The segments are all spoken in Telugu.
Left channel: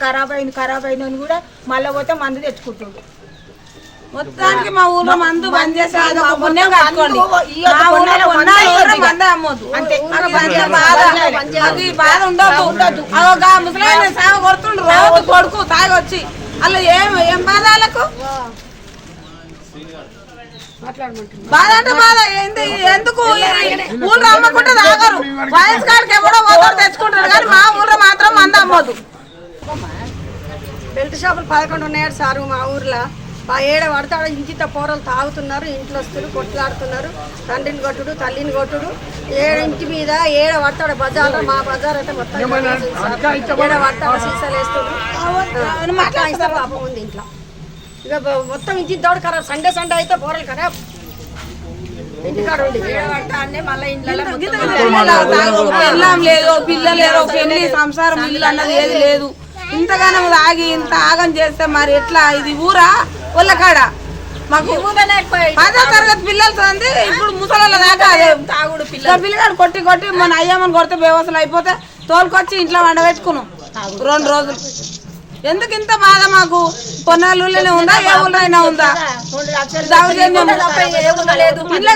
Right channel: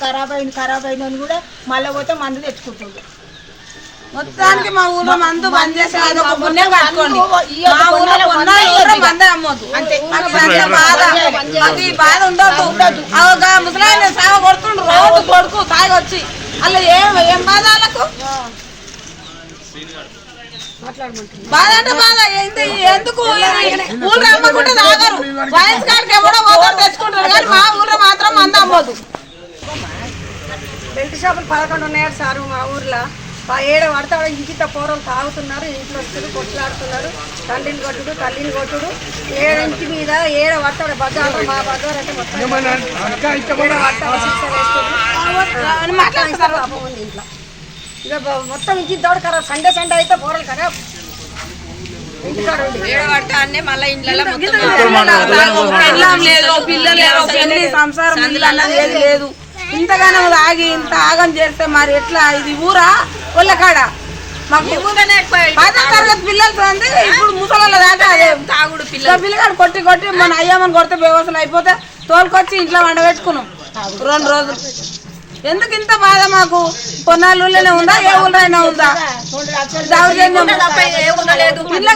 ఖరాబ్ అయినవి కూడా మళ్ళీ పోతే మందు తెచ్చుకుంటుండు. మొత్తానికి మా ఊర్లో మందు బంద్ చేసి మొత్తం. అది బాధ ఉండదు అదొక ముసలాయన సాగ కొడుతుండ్రు కొడుకు తాగి వచ్చి. అలా ఏం ఏం బాధ వాళ్ళకు బాధ అంటే బాధ. ఏంది ఎందుకు? ఊళ్ళో అమ్మకుంటే తాగరు. వయసు కాడికి ఎవడో తెచ్చుకుంటారు కానీ మా ఊర్లో మాత్రం మంద అమ్మదు బెల్ట్ షాపులు పదకొండు ఉన్నాయి సారు మా ఊర్లో. ఆ ఏడ పడతాడు ఇంకిత పోరలు తాగుతున్నారు ఇంట్లో వస్తున్నారు కొట్లాడుతున్నారు తండ్రిని కొట్టుడు తల్లిని కొట్టుడు. ఏడ ఇంటి మీద ఏడ పడతాడు బజార్ మా బజార్ అంటే మొత్తం పాపం ఉంది ఇంట్లో. ఇక మొత్తం ఇంటి దోడు ఖరాబ్ సండే సండే అయితే పోరలు లేదు పిల్లలు లేదు పెళ్ళి సంసారం లేదు. ఇంతగానో తాగి ఇంత ఆగం చేస్తే మరి ఎట్లా? ఇది ఊరా? ఒళ్ళకాడ? మాకు పదో తరగతి పిల్లలతో ఉంది ఇప్పుడు ముసలి దాకా అదే. పిల్లగాడు కొట్టి కొట్టి మన అయ్యమ్మని కొడితే బేవసలు అయిపోతే తోలుకొచ్చి ఇంట్లో వండబెట్టుకున్నాం. రెండు రోజులు. ఎందుకు ఇంత బాధ మాకు? పొన్నాళ్ళలోనే ఉందా? ఏ ఊళ్ళో ఉందా?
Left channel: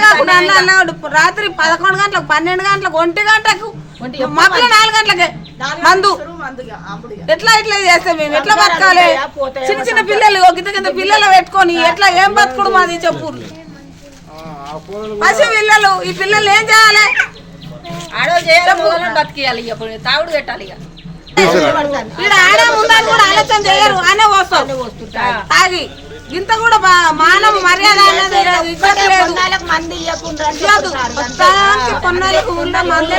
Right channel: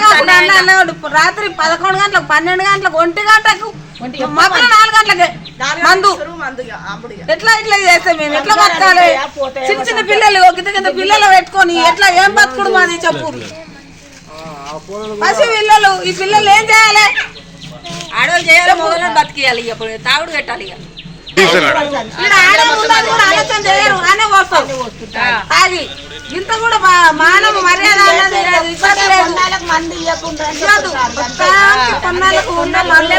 కాకుండా అన్నాడు రాత్రి పదకొండు గంటలకు పన్నెండు గంటలకు ఒంటి గంటకు మధ్య నాలుగు గంటలకే. మందు. ఎట్లా ఇట్లా చేస్తే మేము? ఎట్లా బతకాలి? చిన్న చిన్న పిల్లలు కింద కింద పిల్లలు. పెట్టుకొని ఎట్లా ఏం బతుకుడు మాది చెప్పు. పసి పిల్లలు ఈ పిల్లలు ఏం చేయాలి? ఆడవాళ్ళు చేయాలి బతికియాలి ఇక తాగుడు పెట్టాలి ఇక. ఇక్కడ ఆడ ఉండాలి కూడా ఆలోచన చేయరు అనే వస్తాం తాగి ఇంత కూడా మానవ మర్యాద మంది కొన్నాళ్ళకు ఉండే మందు.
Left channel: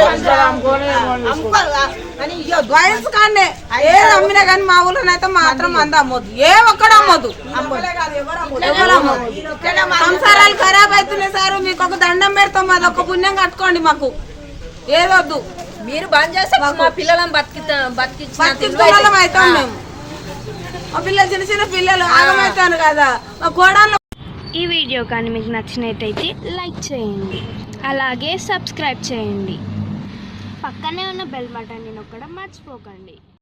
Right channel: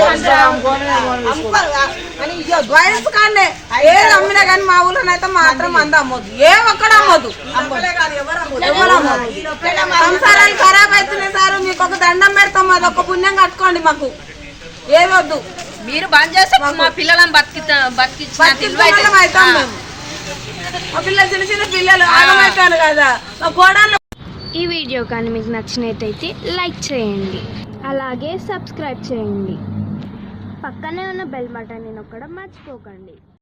అని. వయసు కానీ ఏది అమ్మినా కానీ మా ఊళ్ళో అయితే మాత్రం మంది అమ్మొద్దు. ఏ ఒక్కడు అమ్మొద్దు. ఎవరు అమ్మొద్దు. సంసారాలు ఖరాబ్ అవుతున్నాయి సార్. మీకు ఒక దండం పెడతాం. మాది ఒక పుణ్యం కట్టుకోండి మాకు. ఏదొద్దు మీరు బంద్ చేస్తే మా పిల్లలను బతికి బతికించిన బతికించడం అవుతాం మేము. మా పిల్లలు చిన్న చిన్న పిల్లలు ఆగమవుతాను కదా. మా కోడళ్ళు ఈ వీడియో కానీ మీకు నచ్చినట్టయితే లైక్ చేయండి. అలాగే సబ్స్క్రైబ్ చేయండి. పక్కనే ఉన్న బెల్ బటన్ని నొక్కడం మర్చిపోకండి.